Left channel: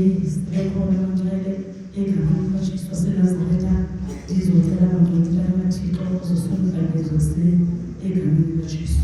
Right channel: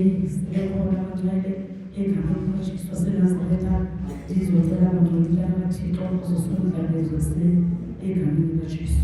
sikhona kancane egameni likaJesu waseNazaretha ngizocela ngicela amathixo uzosungula ngizose egameni likaJesu.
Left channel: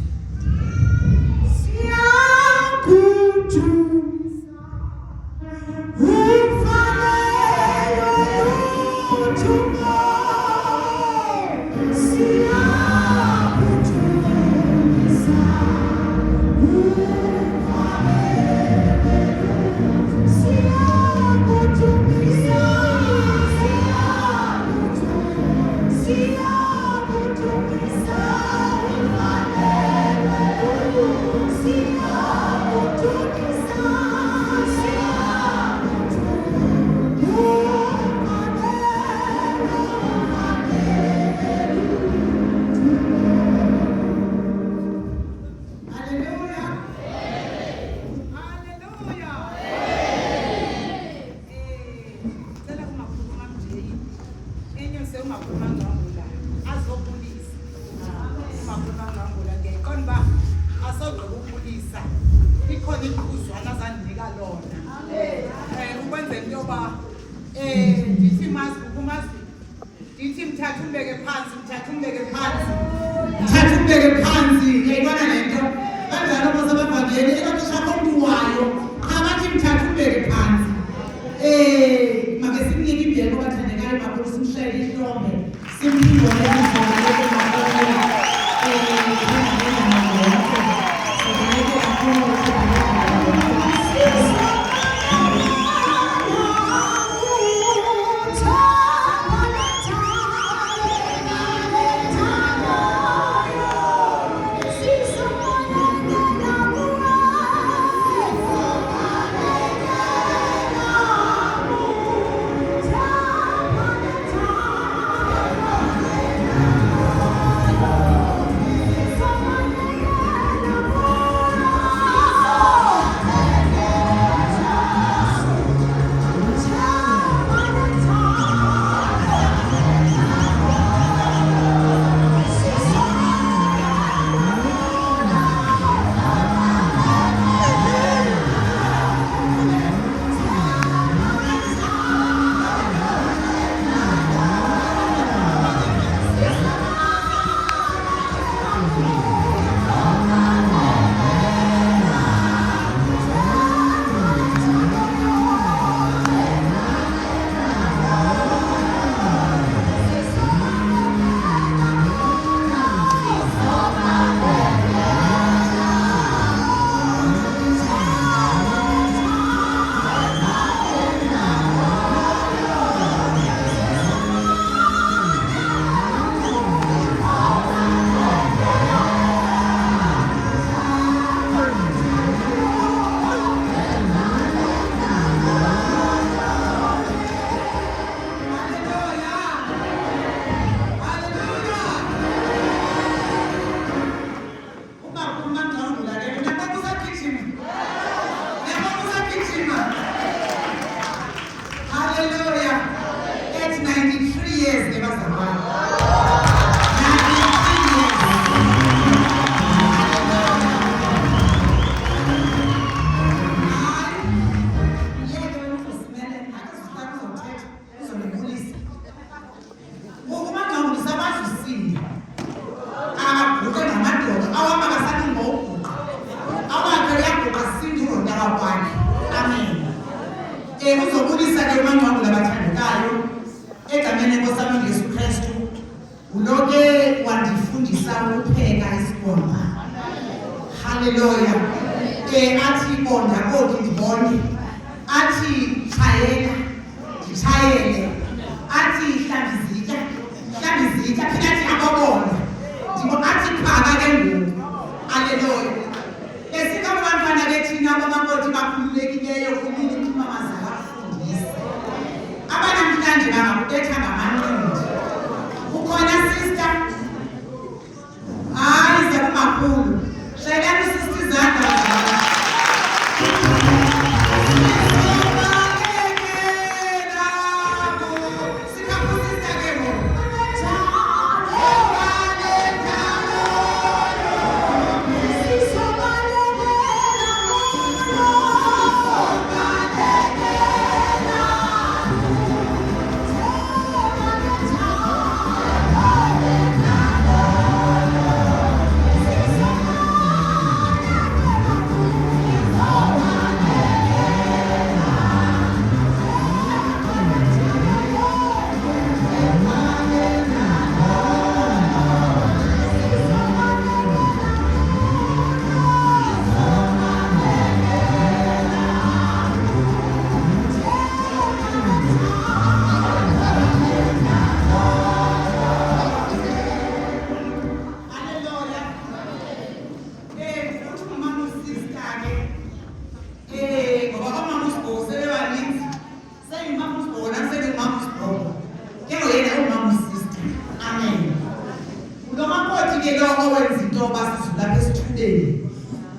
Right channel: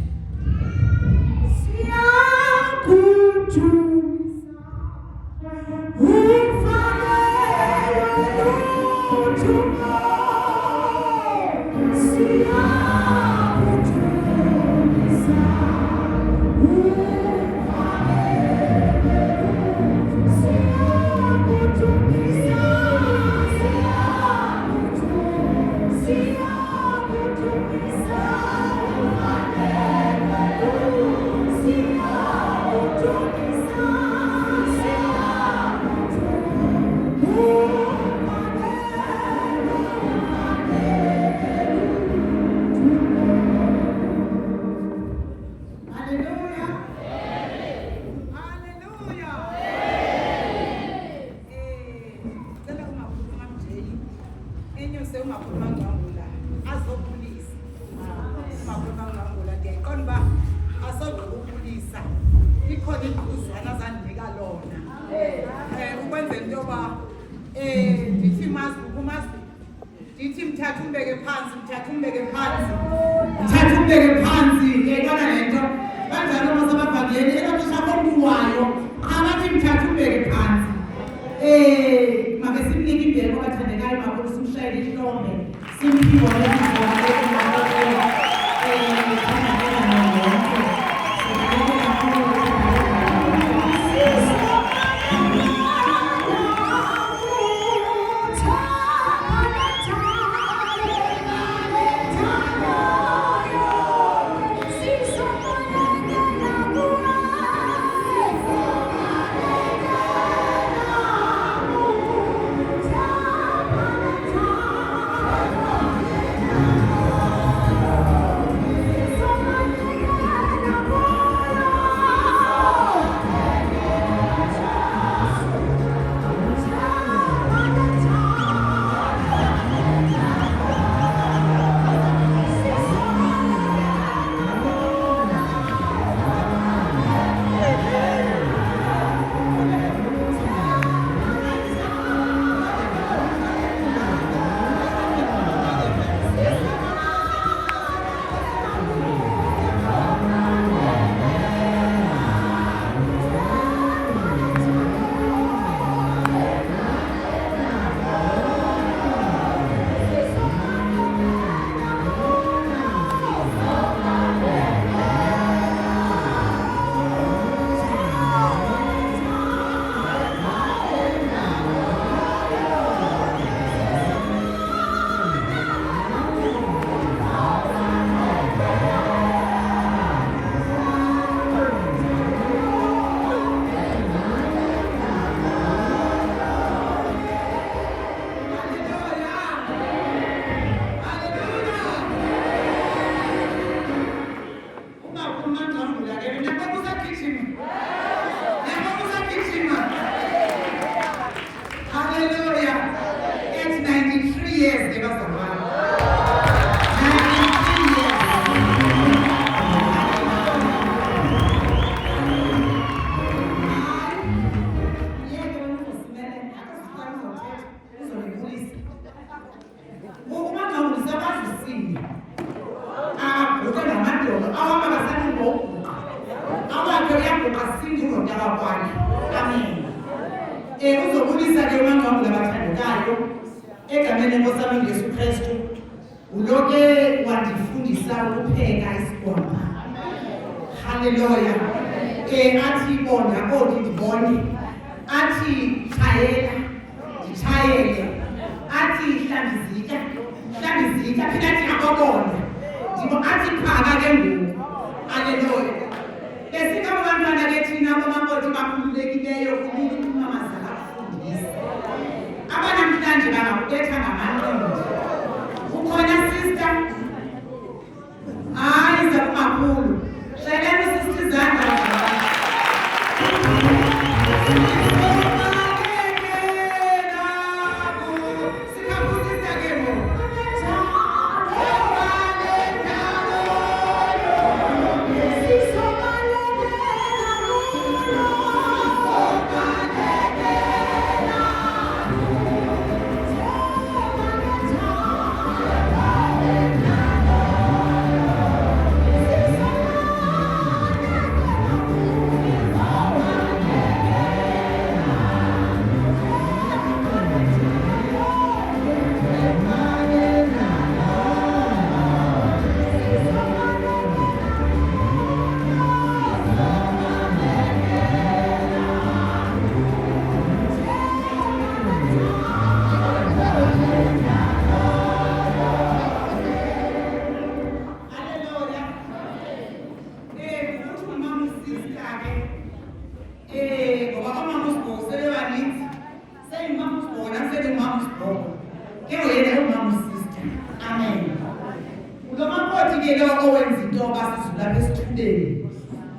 ke lo owenza into basizula lapha esithubeni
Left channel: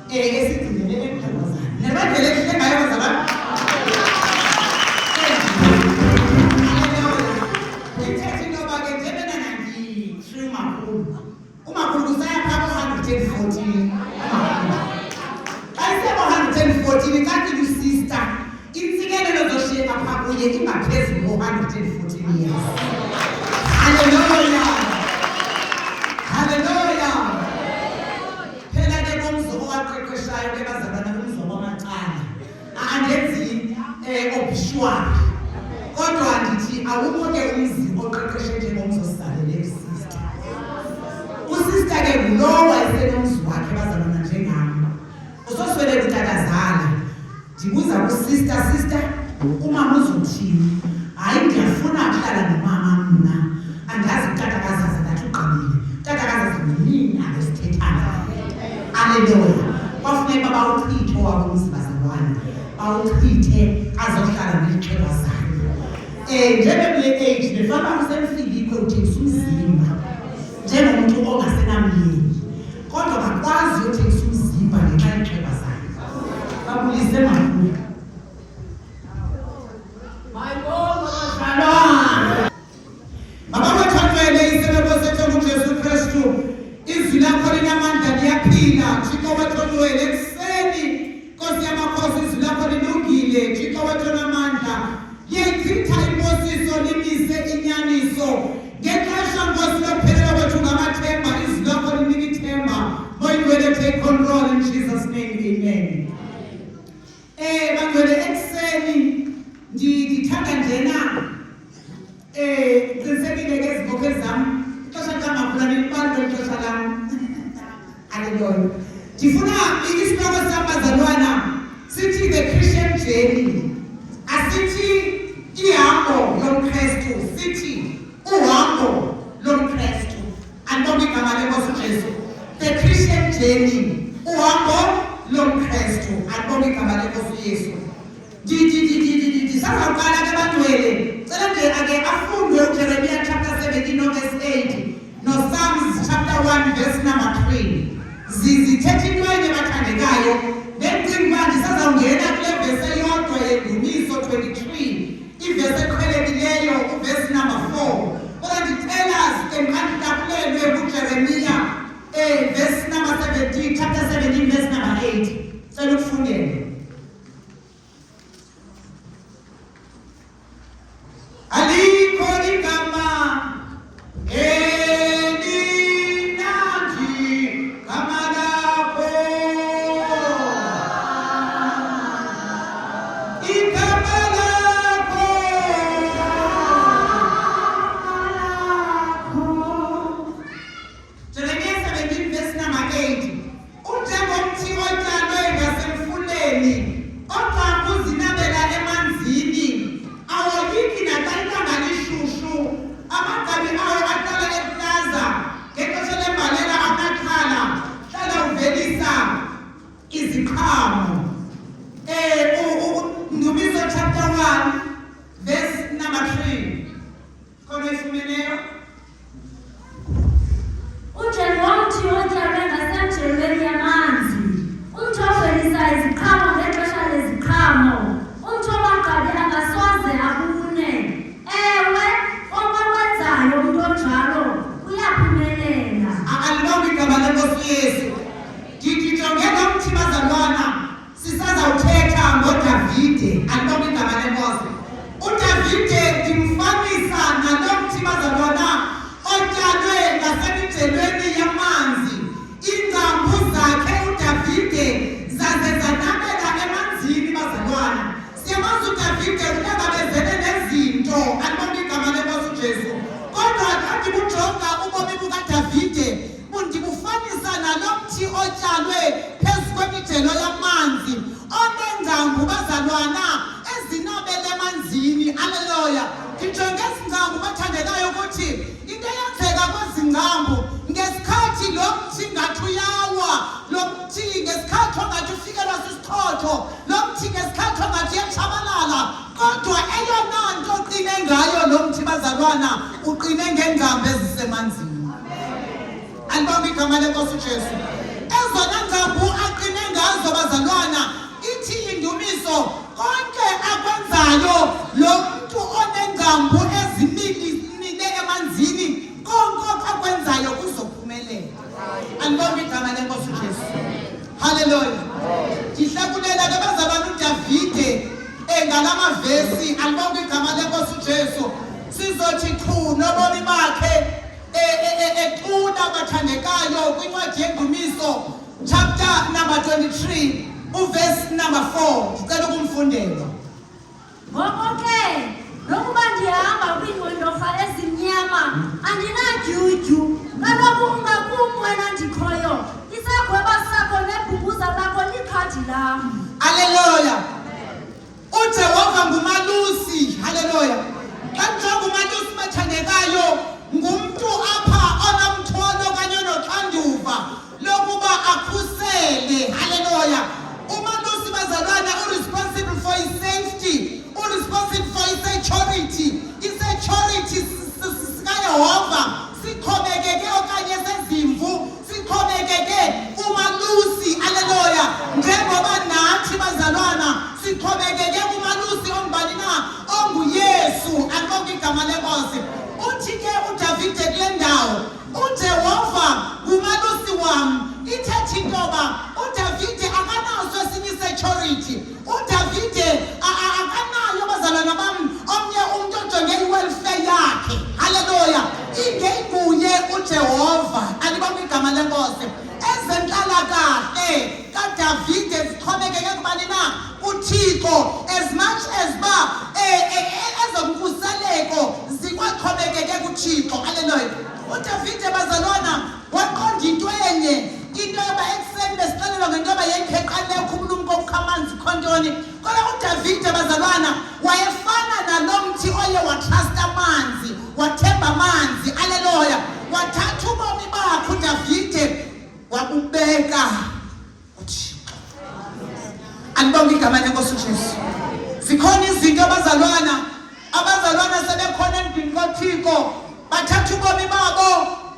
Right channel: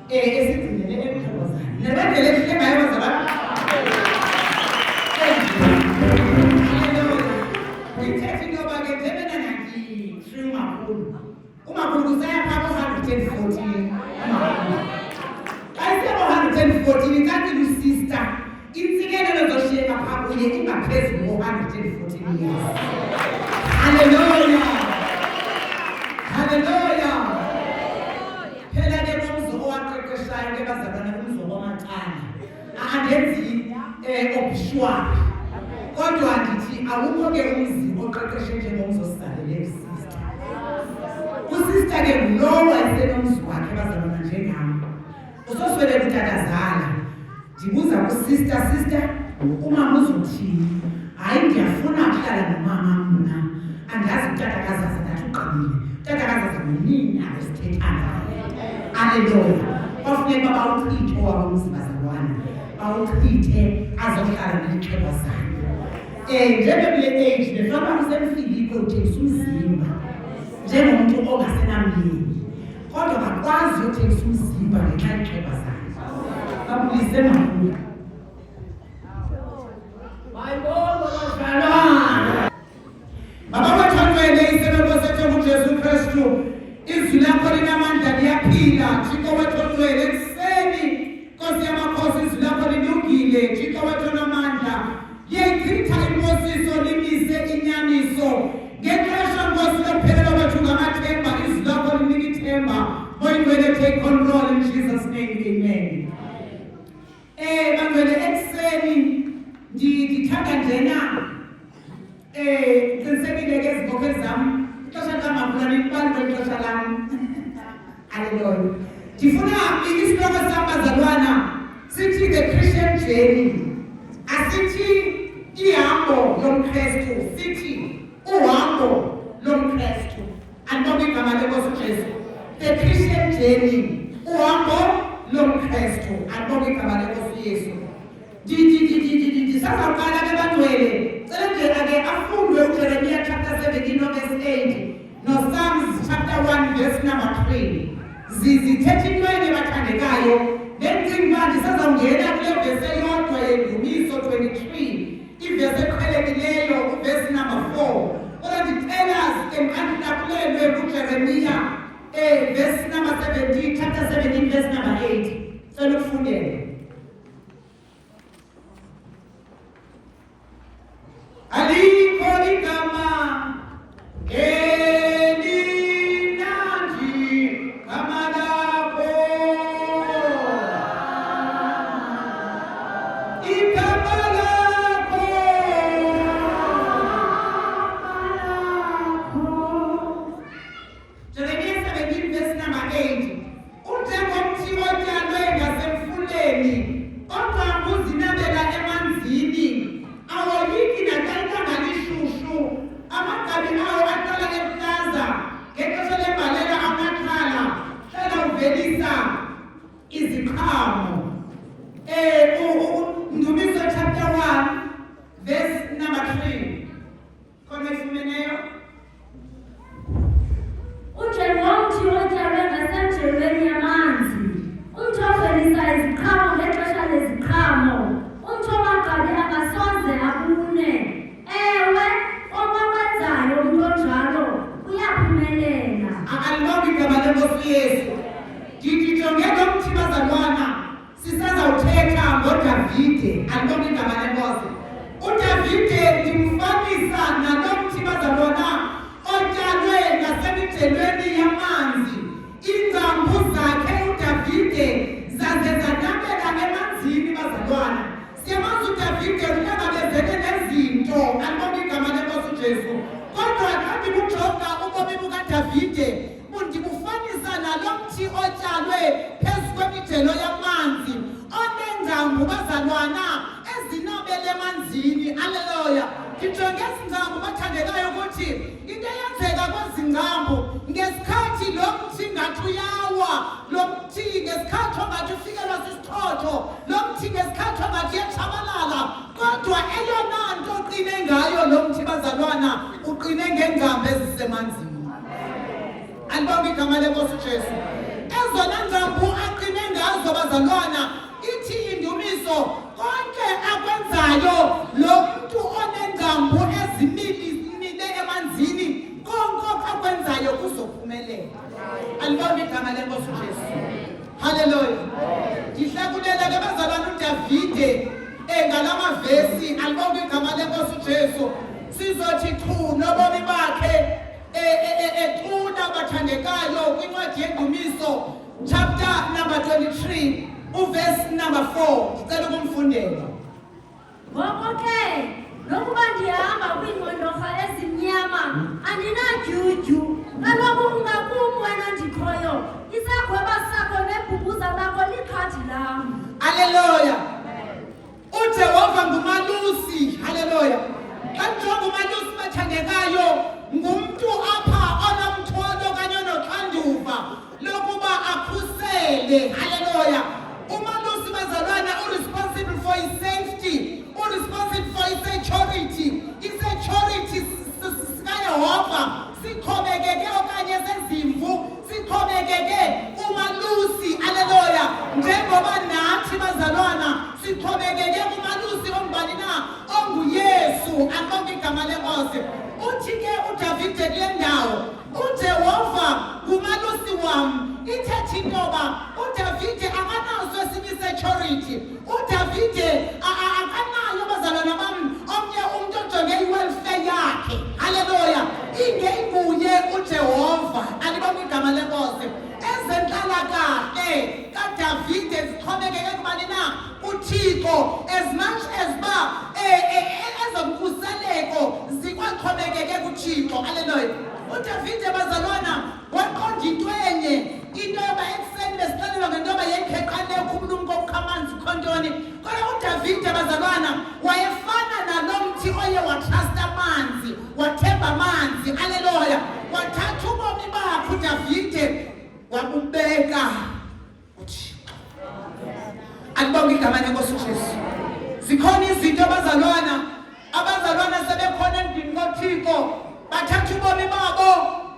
esigcinele eqhobozana nebandle lehle ngayo zabantu ithethe into bake njebena nanti free umakhulu kusaya phaka 114 114 kanti lusister insikelelo zoshiyeka phaka uye ingaphezulu 114 years. Hallelujah. Hallelujah. Phela ke nomzo owaqeqeshayo ke bazalwana nomzo wamacala. Angenzi obituary. Kodwa ndithi awukho ke umzi oqeqeshe njengomzo sisalele sister. Usister ke ngulowo wayesenomzi wakhe bazalwana njengami. Usoswele kutatazala. Ndibuza kusister umama uzothini? Hayi ngiyafuna ukuhlala nomama mina. Angazi utatakaza zathi uqabile. Utatakaza zamini abesithethana. Hallelujah. Kwafuneka bawuchithe wabo umzibazalwane. Bawuchithe azohlala nexhego zakhe. Njengekule age nefana usemfilike uthengisa umzimba. Njengomuntu ongasenamyeni. Kodwa akwazi ukuthengisa umzimba ngenxa yexhego zakhe. Babulise makhulu. Jesu Kristu izwi lakho linamandla liyaphila Thixo wethu ongcwele ekuseni Nkosi yamakhosi izwi lakho lilungile Thixo wethu onamandla liyayichitha imposiso limise inyaniso ngexesha Nkosi lokuphelela kwethu ngamathemba izwi lakho linika ithemba moyingcwele take control in Jesus name amen. Bangcwele ekuseni ndithanda njena qinisekile ke izibophe zami Hallelujah. Ndifuna isihloko sabazalwana sithi the Christian journey. Asithi ihambo lomKristu, sithi uhambo lomKristu. Andibona igama lenkosi uJesu. The Christian journey. Uhambo lomKristu. Andibona igama lenkosi uYesu. Sizaqala ke bangcwele. Cela nje ake afundwe uJeremiah chapter 17 verse 8 no Psalms chapter 1 verse number 3. Zithethe intwenye bathandekayo ngencingi manje sazawungena kule verse eyodwa yendumiso 23 ivese eqhelekileyo uverse number 4. Kodwa ndicela emkhankakulelwe kuJeremiah verse number 17 chapter 17 verse number 8. Cela ukufundela. Alikho igama Ndumiso chapter 1 verse number 3. Kono ifumeneyo. Ujengothi otyalwe ngasemjelweni yamanzi. Umthi ovelisa iziqhamo ngexesha leziqhamo. Umthi owagqabi angasoze abune. Ewe, okwenzayo umntu onjalo uyaphumelela. Akalibambi igama lenkosi Yesu. Ndijonge lo mthi bazalwana. Sisazawuthetha ngoDavide, alibambi igama lenkosi. uDavide ndimfanisa nalo mthi bazalwana otyalwe ngasemijelweni yamanzi. Iingcambu zakhe uDavide zaze zanabela emanzini bazalwana. Siyamazi uDavide uhlangabezene nezinto, alibambi igama lenkosi uJesu. Kodwa xa ndikujonga ubomi bukaDavide ndibufanisa nalo mthi otyalwe phezu kwemijelo yamanzi oneengcambu bazalwana ezinabele emanzini. Haleluya. Ndijonge ezi ngcambu bathandekayo ukuthi into eyenzeka kwezi ngcambu ngesikhathi lo mthi ngathi uyawa, lo mthi ngesikhathi ongathi ufikelwa sisichotho, lo mthi ngesikhathi ongathi uyatshabalala, kodwa eyona nto uqine ngayo lo mthi bazalwana uqine ngeengcambu ezisemanzini. Alibonge igama lenkosi uJesu. Ezona ngambu aqine ngazo bazalwana ithi indumiso konke akwenzayo lo muntu onengambu ezimile emanzini konke akwenzayo kuzophumelela. Alibonge igama lenkosi uJesu. Hallelujah. Ndihlakulela ke bazalwana uDavide ngalama vesi alibonge igama lenkosi uJesu. Sizothi chu nobomi bakhe ecuna bathandekayo kwincwadi yendumiso chapter number 23 uverse number 4 sicela ukumfundela. Ngoko ke nokuba ndihamba kwiingqondofa ezimnyama andinadyudyu kaloku ungakum wena ndikhoyo isagweba sakho neebhubhuza lakho likhadi lam. Haleluya. uJehova ngumalusi. Haleluya. Xa kujonga umalusi bathandekayo ngumuntu apha onomthwalo kanye noxanduva lokuba akhusele. Haleluya. Umalusi bazalwana responsible for his safety, responsible for his security. Isecurity sikaYehova sikhomekeke okanye sezimvu sikhomekeke umalusi. Haleluya. Njengoba nathi bazalwana sikhomekeke kumalusi ombani na onguYesu. Alibonge igama lenkosi. Uthi ke uDavide kule ndawo uJehova ngumalusi wami. Ithethe intoba uDavide akanaso esinye security. uDavide akanayo bazalwana bami omnye umuntu ojonge i-welfare yakhe. Haleluya. Ingenguye uJehova. Alibonge igama lenkosi. Ezenhlalakahle kaDavide zixhomekeke kubani na kuThixo as much as ezomkhuseleko zikwaxhomekeke kuThixo. Haleluya. uDavide bazalwana waqonda into enye into yoba ekuseni besixelelwa ngento yoba yekheqane ekhulumko ukhamanzi khontoni kodwa uDavide bazalwana wayefana nalo mthi oye watrust amanzi wathemba amanzi. Haleluya. Wathatha ubomi bakhe uDavide wabubeka kuThixo. Alibonge igama lenkosi uJesu. Zikhona izinto abazalwana sebekhona endlini kaThixo bathatha ubomi babo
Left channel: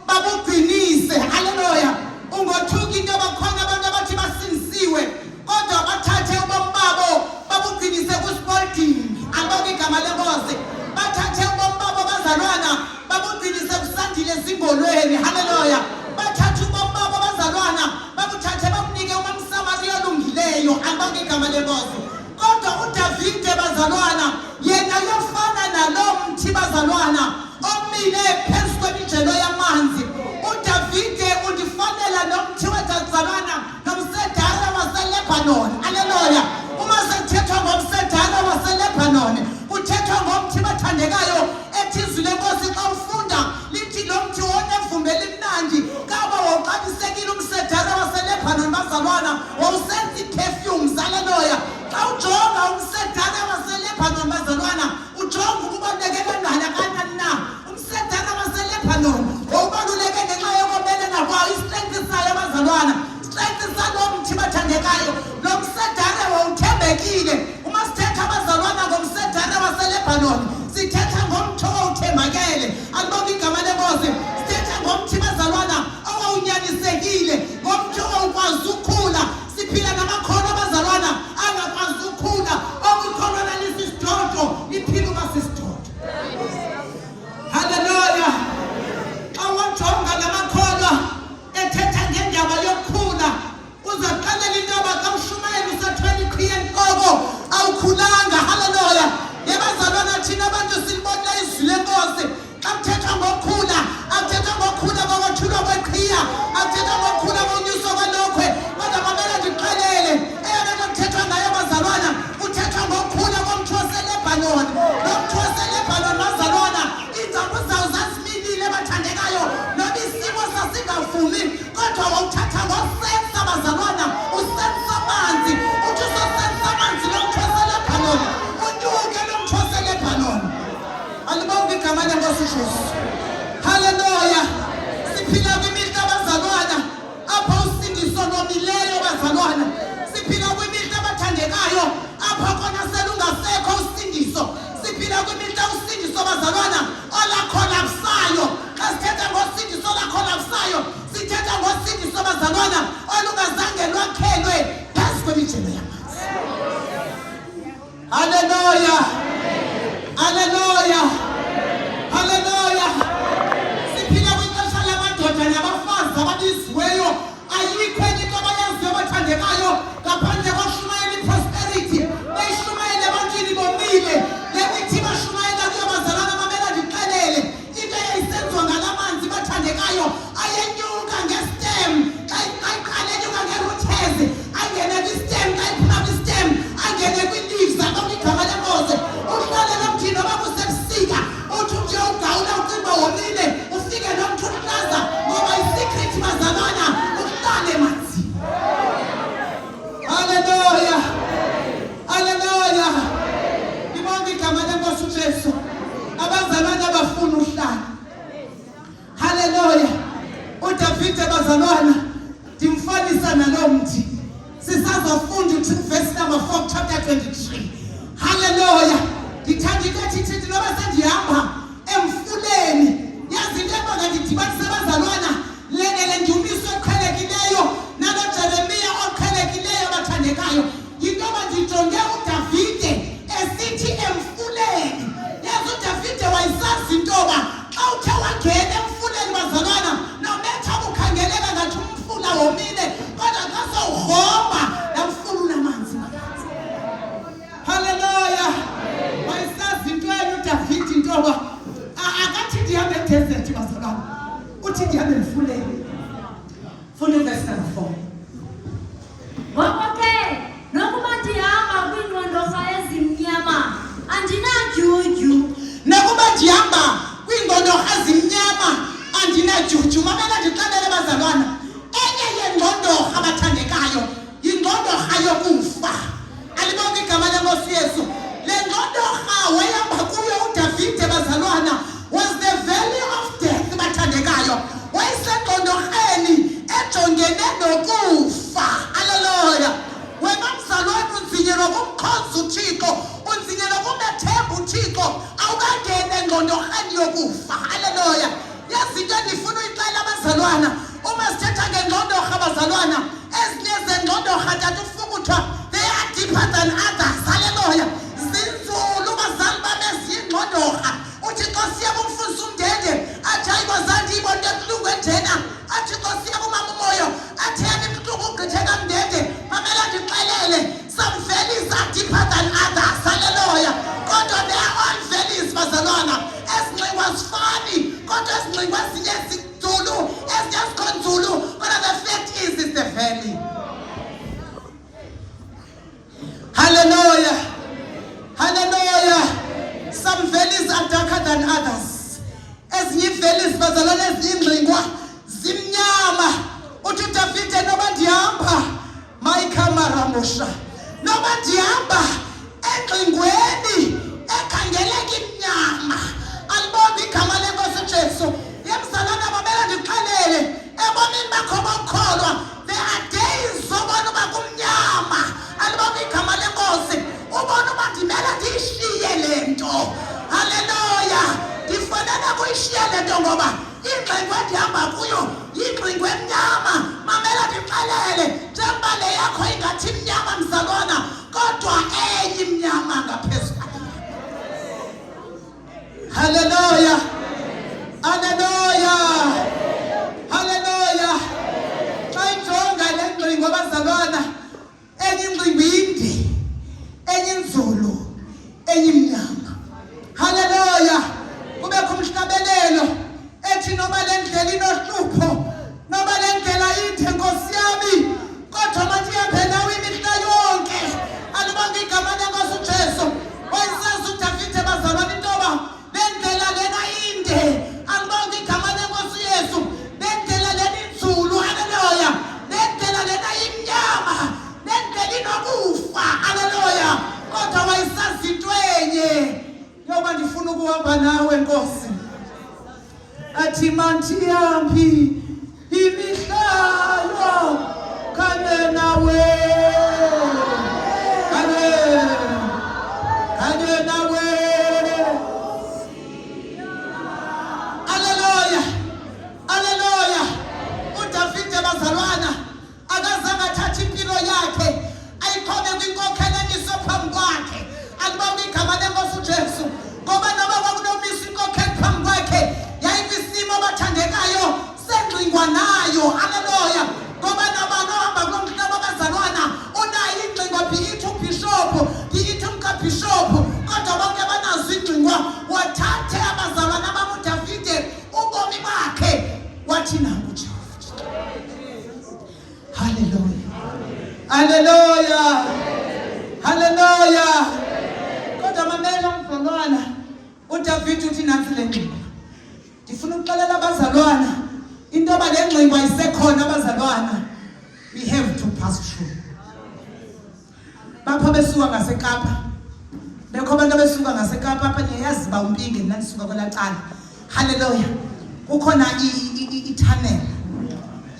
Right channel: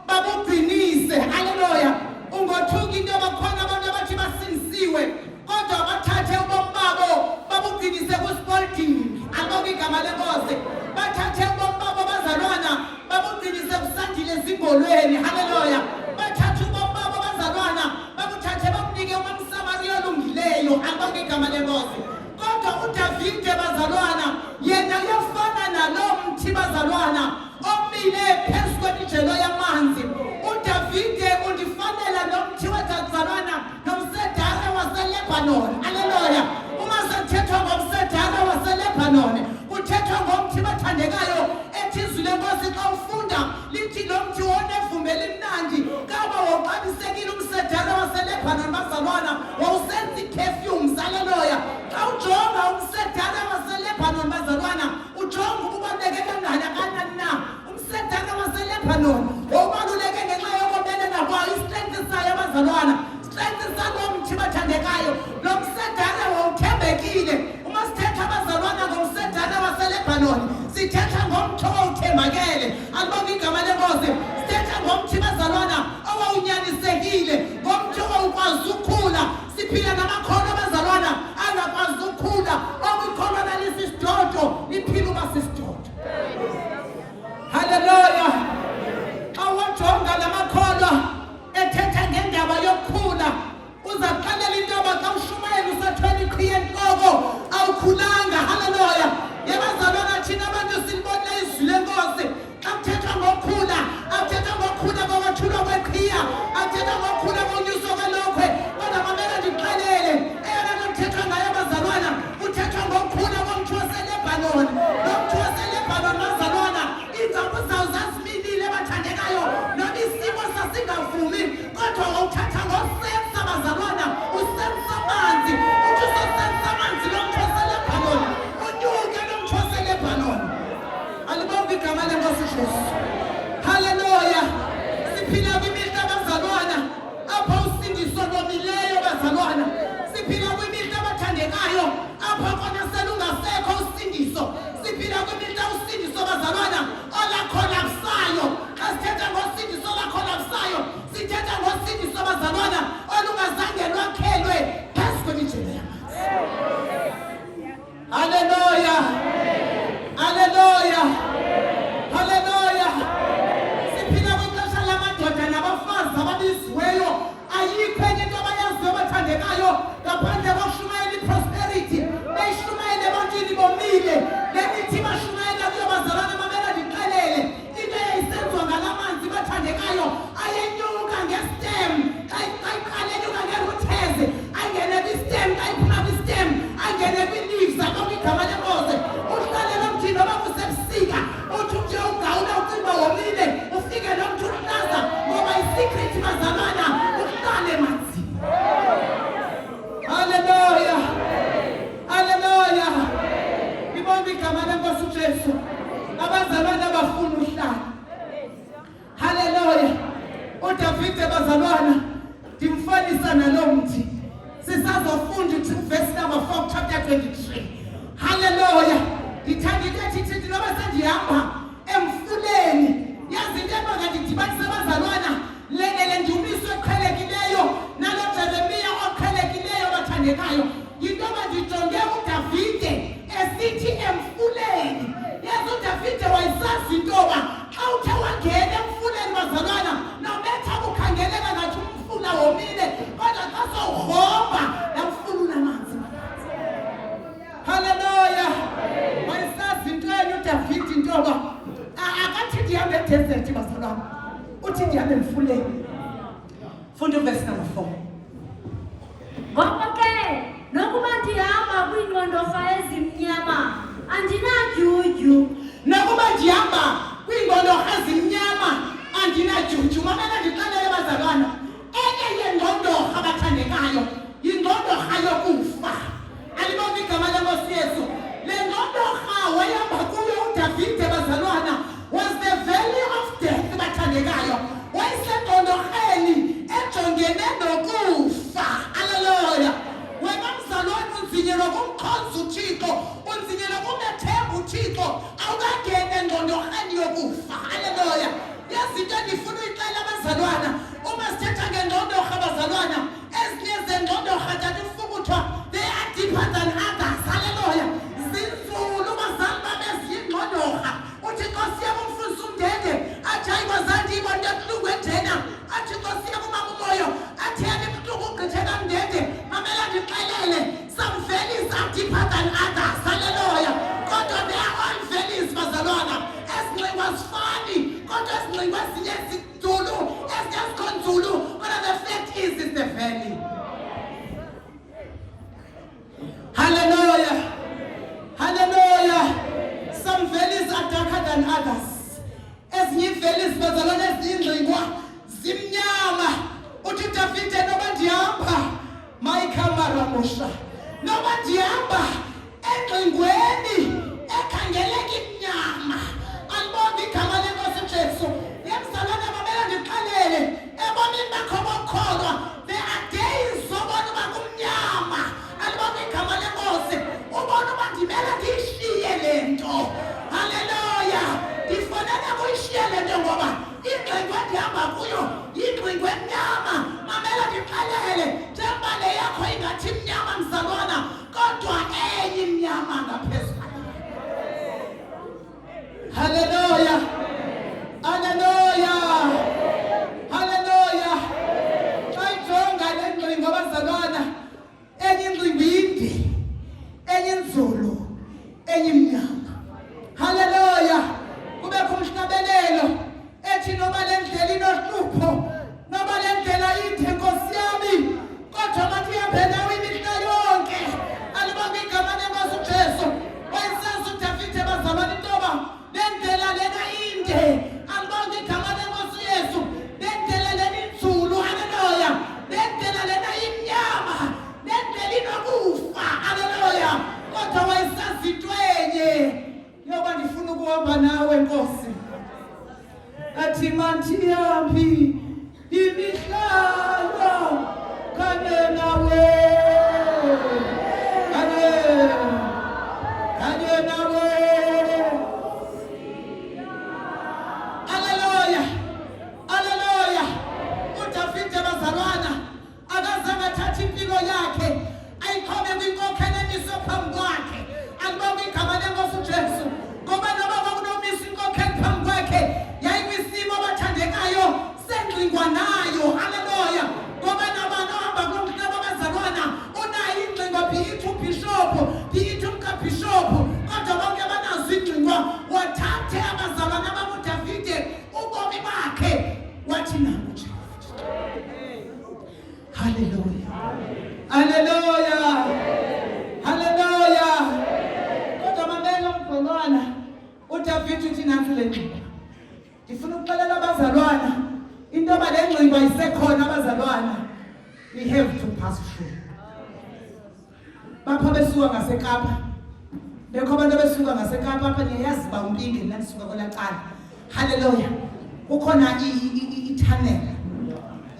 babugcinise. Haleluya. Ungothuka into bakhona abantu abathi basindisiwe kodwa bathathe ubomi babo babugcinise kuSpolding. Alibonge igama lenkosi. Bathathe ubomi babo bazalwana babugcinise kusandile ezingolweni. Haleluya. Bathathe ubomi babo bazalwana babuthathe babunike uMsamariya olungileyo. Alibonge igama lenkosi. Kodwa uDavide bazalwana yena uyafana nalo mthi bazalwana omile phezu kwemijelo yamanzi. uDavide undifanela nomthi wezazalwana nomsedara waseLebanon. Haleluya. Uma sekuthethwa ngomsedara waseLebanon kuthethwa ngomthi bathandekayo ethi izwi lenkosi xa ufunda lithi lo mthi onevumbe elimnandi kaba wawuqabisekile umsedara waseLebanon bazalwana wawusenza ii-perfumes. Haleluya. Xa ujonga umsedara waseLebanon bazalwana ujonga ukubaluleke kangakanani na. Umsedara waseLebanon wawubaluleke ngenxa yokomelela kwayo istrength sayo bazalwana. Strength salo mthi bathandekayo lo msedara wawuthembekile. Uma sithetha bazalwana ngomsedara waseLebanon sithetha ngomthi owawuthembakele. Alibonge igama lenkosi. Sithetha ngomthi bazalwana owawunyanisekile ngomthi owawukwazi ukukhula. Siphila namakhono bazalwana angakwazi ukukhula okukholwa lalisisidodo liphila uba sisidodo. Haleluya. Xa wajonga la makholwa ethetha ngendaba yokukhula uzaqalela into yoba xa ushumayela usethweni iqhiye entloko awukhulanga. Haleluya. Yebazalwana thina abantu silibona izwi lenkosi xa kuthethwa ngokukhula akuthethwa ngokukhula kokwethulwa kweqhiya akuthethwa ngokukhula konyuso kwalokhwe kodwa mamela ndikuxelele eyona nto kuthethwa ngayo bazalwana kuthethwa ngokukhula komthi waseLebanon. Lo mthi waseLebanon bazalwana iingcambu zawo zazimilile bathandekayo noba isimo sasingavumi kodwa wawuthatha ngosensa bazalwana usensa amanzi uthi usosensa amanzi lo mthi waseLebanon unyuke lo mthi waseLebanon. Alibonge igama lenkosi uJesu. Haleluya. Siphila kwimihla bazalwana apho usindiso lomileyo bazalwana. Siphila kwimihla abathandekayo apho kona selungasekho usindiso. Siphila kwimihla usindiso bazalwana olakholapsayo. Xa sithetha ngosindiso olakholapsayo sithetha ithile lemithi bashumayela kuyo bazalwana mamela ndiqelele into eyayisenziwa ngalamanzi bathandekayo ayenyuka ngestem ayiqalenyuka ngerooters angene kwistem ayiphuma kwistem angene kwi-leaves abonke igama lenkosi uhlalela mthini noba kusebusika uthi umntu uyawugawula ucimba womile ufike nomntu uhlaza ngoba isikrithi bazalwana uhlale manzi. Haleluya, haleluya, ibonke igama lenkosi uJesu. Abazalwane abafuna uhlala. Haleluya. uDavide bazalwana ndimfolisa nalo mthi sisazofunda verse number 4 chapter 23. Haleluya. Ndithanda into ethi noba sendihamba emfuleni yazi into engandidibanisa abazalwana le ndumiso eqhelekileyo nalo Jeremiya oqhelekileyo abathandekayo yinto abandijonge uDavide esithi emfuleni. Yazi uDavide wayesazi intoba xa uthe wangena emfuleni bazalwana nometha ukukhangeleka ngathi umfula womile kodwa xa sowuhomba namfula unamanzi. Haleluya. Wayesazi into enye uDavide intoba akathi ndihambe edesert bazalwana uthi ndihambe emfuleni. Funda uverse number 4. Ngoko ke nokuba ndihamba kwiingqondorha ezimnyama andinajuju. Nakuba ndihamba kwiingqondorha ezimnyama andinajuju. Mamela ndixelele bazalwana enye yeengqondorha abathandekayo yingqondorha yokufa. Alibonke igama lenkosi Yesu. Le ngqondorha wayehamba kuyo uDavide bazalwana was the valley of death bathandekayo. Wayesengqondorheni ejongene nokufa. Haleluya. Wena mzalwane unzinyelwa kumkhonza uThixo, unzinyelwa kumethemba uThixo, awukangena engqondorheni yokufa. Haleluya. Yazi into endifuna uyixela abazalwana uma sithetha ngengqondorha abazalwana ezinye zengqondorha tata ufukuthwa they are deeper than others. Haleluya. Zinzulu bazali babeziyingqondorha uthi Nkosi yami umfundisi umndende athi hayi bazandi ibonto ebuhlungu enjena athi Nkosi yami umama umoyo athi yami ebuhlungu ugqithe kamndende. Mamela ndixelele some valleys are deeper than others. Haleluya. Kodwa they are all valleys bazalwana ezinxiwa zifani kodwa ezinxiwa ezinye zinzulu ezinye zikhonzulu but the fact is it's the valley. Hallelujah. Hallelujah. Some valleys are darker than others. Ezinye valleys bazalwana ezingxingwa zimnyama. Uthi uDavide noba ndihamba mayikhamaramosha noba ndihamba engxingweni ekhangeleka imnyama. Alibonke igama lenkosi uJesu. Yemzalwana mamela ndixelele ebomini bakho bokholwa there are days zobona uba kumnyama. Alibonke igama lenkosi ubona uba ndimele ndiyishiye le nto. Haleluya. Ndifanele kuyishiya le nto ngoba ingxingwe endihamba kuyo yingxingwe emnyama. Mamela ndixelele njengoba le yakho ingathi mnyama mzalwana kodwa enye imnyama ngaphezulu. Haleluya. Haleluya. Haleluya. Xa ijonga le ngxingo abazalwana enye ingxingo inde enye inzulu enye imnyama. Haleluya. Kubekho umhlabelelo ethi noba le ndlela inohlupho noba le ndlela ide Nkosi yami kodwa mathi ihambe nawe imihla yonke. Alibonke igama lenkosi uJesu. Wayesazi uDavide bazalwana intoba le ndlela lena inde. Alibonke igama lenkosi Yesu. Le ndlela lena inzulu. Haleluya. Le ndlela lena imnyama. Le ndlela inokufa. Haleluya. Kodwa wayesazi into enye yoba ndifuna ukuhamba nawe Nkosi. Athi mandihambi imihlalo kanye nawe. Kanye nawe. Haleluya. Haleluya. uDavide bazalwana akazange athathe impilo yakhe ayiqhobe kwinkokhelo emiso phambi kwakhe. Alibonke igama lenkosi uJesu. Ngoba noba kwakunomisa inkokhelo phambi kwakhe yayikwisimo abathandekayo sengxingo sithi uthi nansi le ngcingo. Ndifuna ukuxelela abazalwana into yoba le ngcingo ayisekhona abazalwana. We have to pass through. Bapha besuka ngaseKapa. Bekho abantu besuka ngaseKapa apha niyayazi ba umpinge nina nisuka kwelacala. Hallelujah. Ukhona i-tunnel.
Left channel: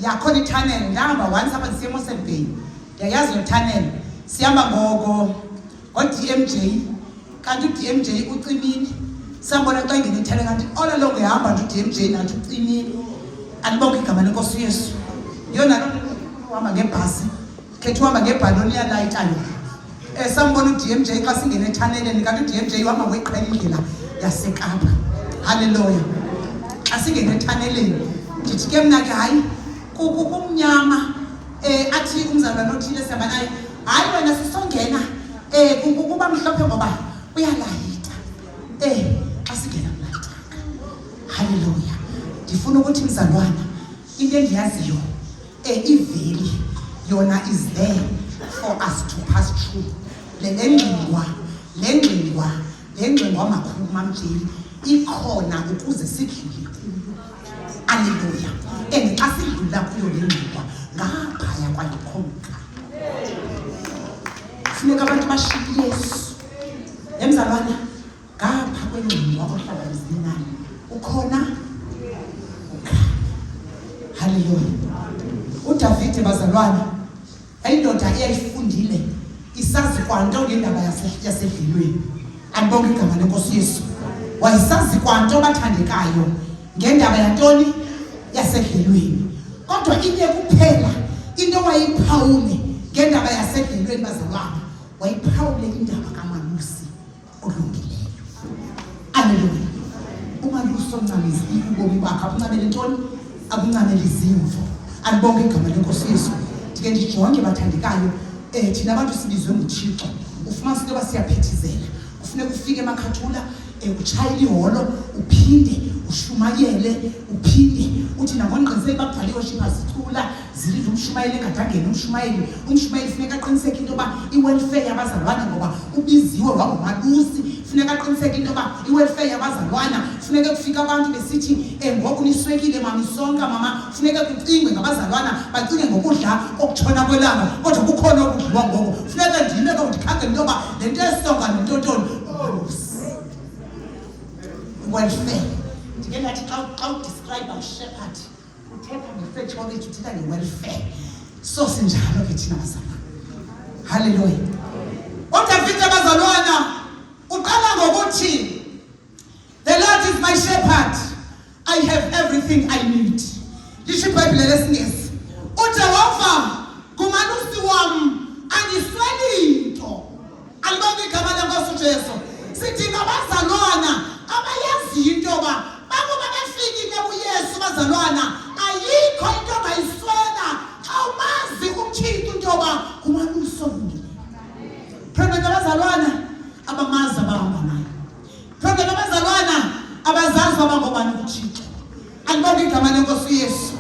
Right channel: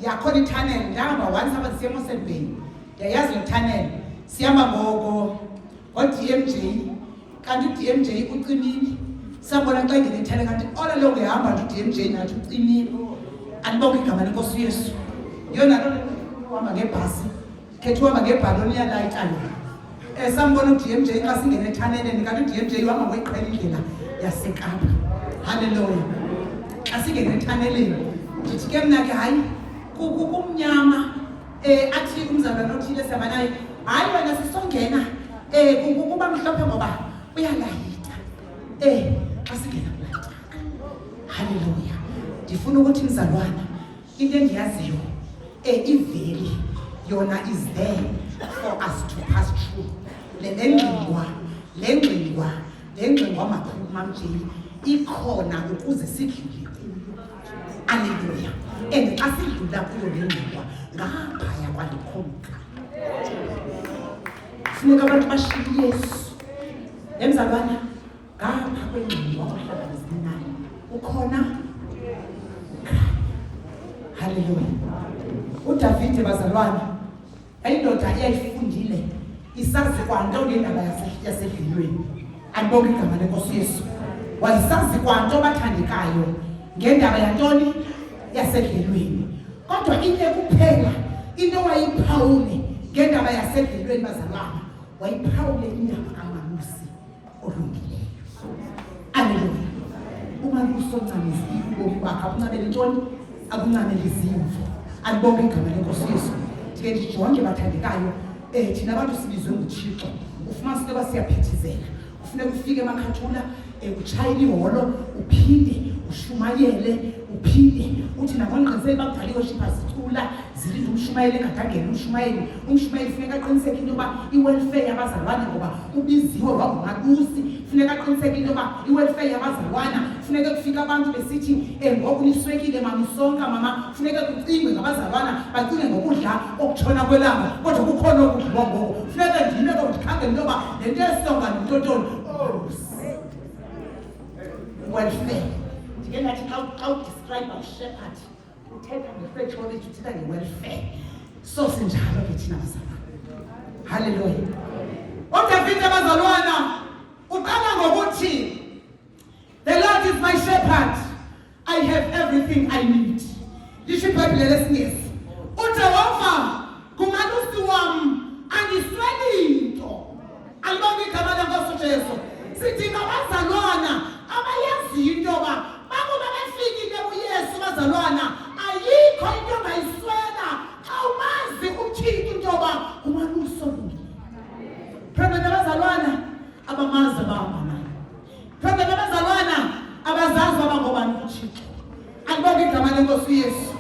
Yakhona i-tunnel ngihamba once apha siya eMossel Bay. Ndiyayazi le tunnel. Sihamba ngo-DMJ. Kanti u-DMJ ucimile. Sabona xa ingene i-tunnel kanti all along ehamba nje u-DMJ nathi ucimile. Andibonge igama leNkosi uYesu. Yona uhamba ngebhasi. Khetha uhamba ngebhaloni yalayitayo. Sambona u-DMJ xa singene ethaneleni kanti u-DMJ uhamba ngoyiqhela indlela yaseKapa. Hallelujah. Xa singene ethaneleni ndithi ke mna ke hayi kumnyama athi umzalwane othile sihamba naye hayi wena sisongena kuba mhlophe ngoba uyalayita xa singena kulaa. Hallelujah. Ndifuna ukuthi mzalwana into endiyaziyo iveli yona is there for us to pass through. Le ngcingwa makhulu mamjeni ikhona ukuze sidlule. Hallelujah. And xa sidlula kuyo le ngcingwa ngaphaya kwalikhonka. Funeka abantu bashiye Yesu. Emzalwana ngapha kwengcingwa abahlanganizinani ukhona. Hallelujah. uDavide bazalwana ayindoda eyayifundile isazi kwanto ngendaba yasedlelweni. Andibonge igama leNkosi Yesu. Wayesazi kwanto bathandekayo ngendaba yantoni yasedlelweni. Kodwa into kuphela into wayiphawule ngendaba yasedlelweni bazalwana wayiphawule indaba kaMalusi olungileyo. Hallelujah. uMalusi oncamisa ubomi bakhe akuncamele ntoni akuncamele izimvo. Andibonge igama leNkosi Yesu. Ndike ndijonge bathandekayo thina abantu sibizwe nguThixo. Ufumanise into basiyaphithizela. Kufuneka ufike emakhathula utshayile iholo uphinde ushumayele uphinde uthi nabongqizeli babhali worshipers sithula zilile umshumayeli engadangeni umshumayeli funeka aqiniseke into yoba i-welfare yabazalwana ngoba ubiziwe wanguMalusi. Funeka aqiniseke into yoba i-welfare yabazalwana funeka kufika abantu besithi ngoku niswekile mama isonka mama funeka kucingwe ngabazalwana bacinge ngokudla okutshona kwelanga kodwa kukhona okudliwa ngoko. Funeka ndime ndikhangele into yoba le nto yesonka nentotoni welfare. Ndike ngathi xa udescribe shepherd uthetha nge-psychology uthetha nge-welfare. So sinjalo ke thina bazalwana. Hallelujah. uDavide bazalwana uqala ngokuthi the Lord is my shepherd, I have everything I need. Lisho iBhayibhile lesingesi uJehova ngumalusi wami angisweli nto. Alibonge igama leNkosi uJesu. Sidinga abazalwana abayaziyo into yoba bakuba bafikile kuYesu bazalwana ayikho into ongayiswela xa umazi uThixo into yoba umalusi olungileyo. Phela abazalwana abamazi abahamba naye. Phela abazalwana abazazi abangobani kuThixo. Andibonge igama leNkosi uYesu.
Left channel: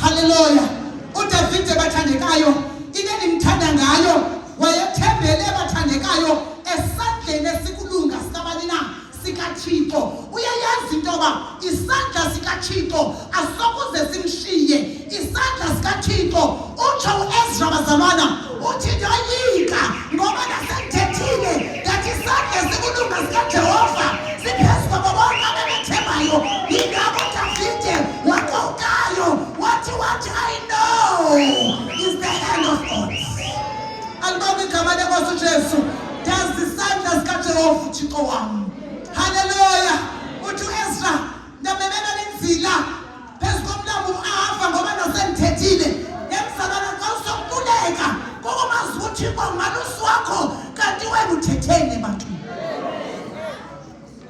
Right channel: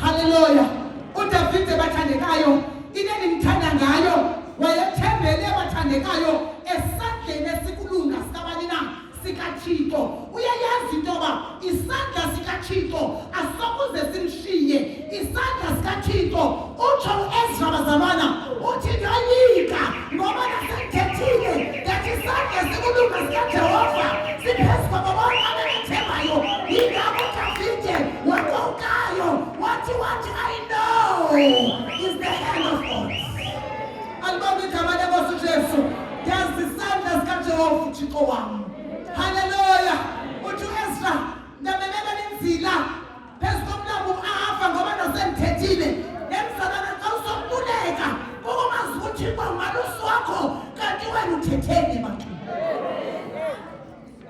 Hallelujah. uDavide bathandekayo into endimthanda ngayo wayethembele bathandekayo esandleni esikulunga sikabani na sikaThixo. Uyayazi into yoba isandla sikaThixo asokuze simshiye. Isandla sikaThixo utsho uEzra bazalwana uthi ndoyika ngoba nasemthethile ngathi isandla esikulunga sikaJehova siphezu kwabo bonke ababethembayo. Yingakho uDavide waqukayo wathi I know is the hand of God. Andibonge igama leNkosi uJesu. Ndazi isandla sikaJehova uThixo wami. Hallelujah. Uthi uEzra ndabebeka lenzila phezu komlambo uAhafa ngoba nasemthethile. Emzalwana xa usokululeka ngokumazi uThixo ngumalusi wakho kanti wena uthethene ebantwini.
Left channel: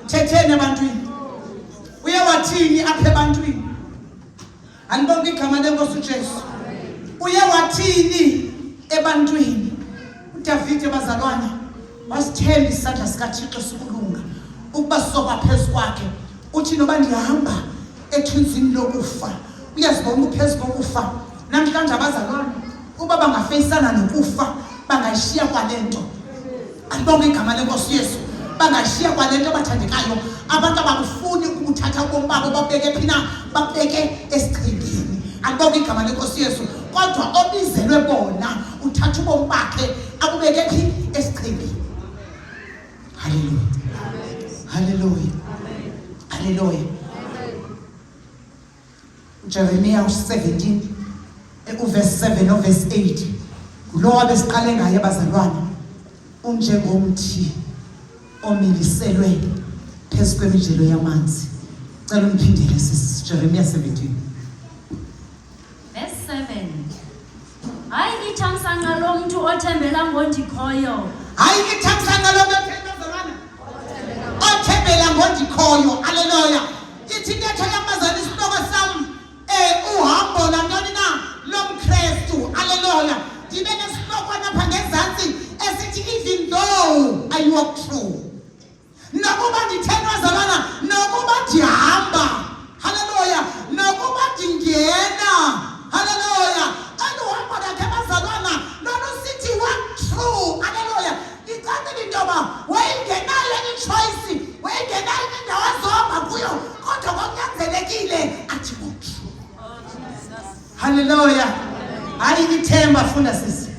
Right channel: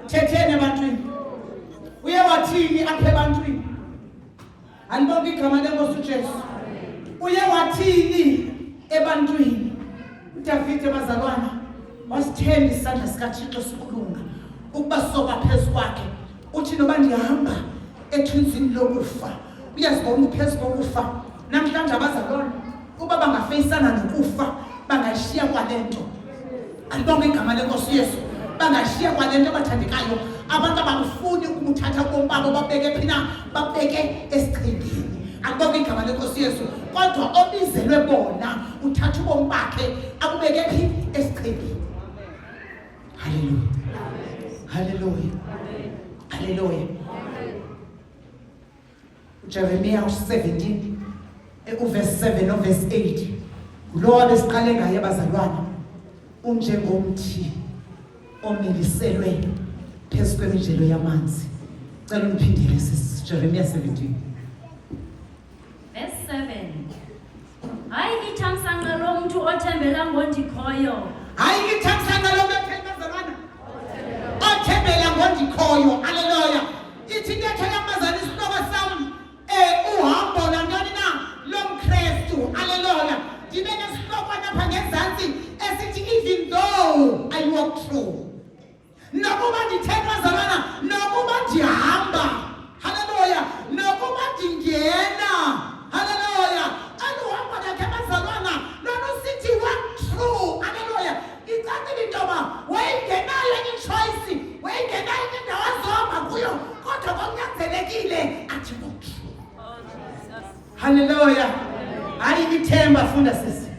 Uthethene ebantwini. Uye wathini apha ebantwini? Andibonge igama leNkosi uJesu. Uye wathini ebantwini? uDavide bazalwana wasithemba isandla sikaThixo sikulunga ukuba soba phezu kwakhe. Uthi noba ndihamba ethunzini lokufa uyazibona uphezu kokufa. Namhlanje abazalwana uba bangafeyisana nokufa bangayishiya kwale nto. Andibonge igama leNkosi Yesu. bangashiya kwalento abathandekayo abantu abakufuni ukuthatha ubomi babo babeke phina babeke esichengeni. Akubonga igama lenkosi Yesu kodwa obizelwe bona uthatha ubomi bakhe akubeke phi esichengeni. Hallelujah. Hallelujah. Hallelujah. Jeremiah 17 verse 7 no verse 8. Lo abesiqale ngaye abazalwana unjengomthi omiliselwe phezu kwemijelo yamanzi. Cela umphindele sisi Jeremiah 17 verse 7. Hayi ngithamsanqa lo muntu othembela ngondikhoyo. Hayi ngithamsanqa lo muntu othembela othembela ngondikhoyo. Hallelujah. Ithi into yamazali isihloko sami uhambo lantoni na lomKristu. Hallelujah. Ndibe nesihloko lapha ngezantsi esithi even though I walk through. Nokuba ndithethwa zalwana nokuba ndihamba. Hallelujah. Nokuba ndingena. Hallelujah. Aluhambo lakhe bazalwana lona sithi walk through. Hallelujah. Icacile into yoba wayingenayo i-choice, wayingenayo indawo azohamba kuyo kodwa kwakunyanzelekile athi walk through. Hallelujah. Hayi ithemba funda sisi.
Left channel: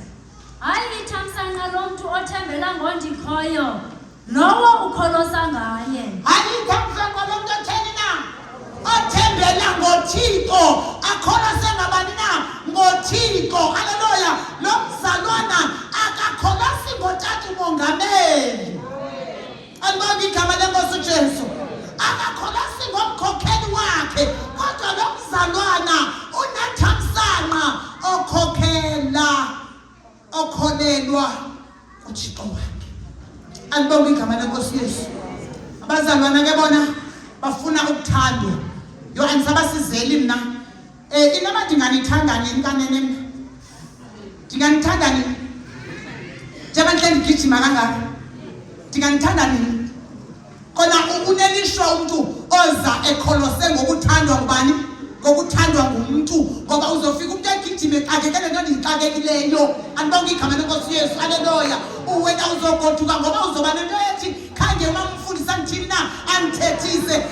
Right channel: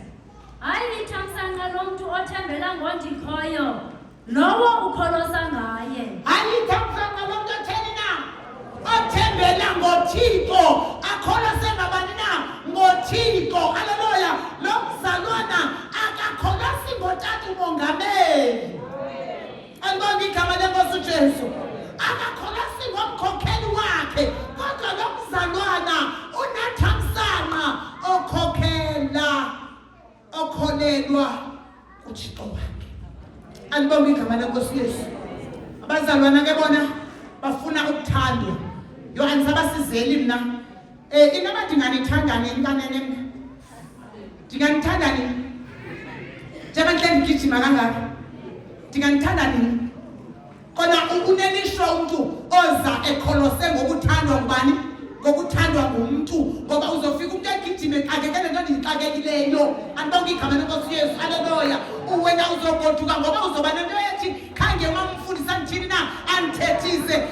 Hayi ngithamsanqa lo muntu othembela ngondikhoyo lowo ukholosa ngaye. Hayi ngithamsanqa lo muntu otheni na othembela ngoThixo akholose ngabani na ngoThixo. Hallelujah. Lo mzalwana akakholosi ngotata umongameli. Alibonga igama lenkosi uJesu. Akakholosi ngomkhokheli wakhe kodwa lo mzalwana unathamsanqa okholelwa kuThixo wakhe. Alibonga igama lenkosi Yesu. Abazalwana ke bona bafuna ukuthandwa. Yo anisabasizeli mina. Inoma ndinganithanda nini kanene mina? Ndinganithanda nini? Njengoba nhle ndigijima kangaka. Ndinganithanda nini? Kona unelisho umuntu oza ekholose ngokuthandwa ngubani? Ngokuthandwa ngumuntu ngoba uzofika umuntu egijime exakekele nto ndixakekileyo. Andibonga igama lenkosi Yesu. Hallelujah. Wena uzogoduka ngoba uzoba nento ethi khange mamfundisa ngithini na antethise.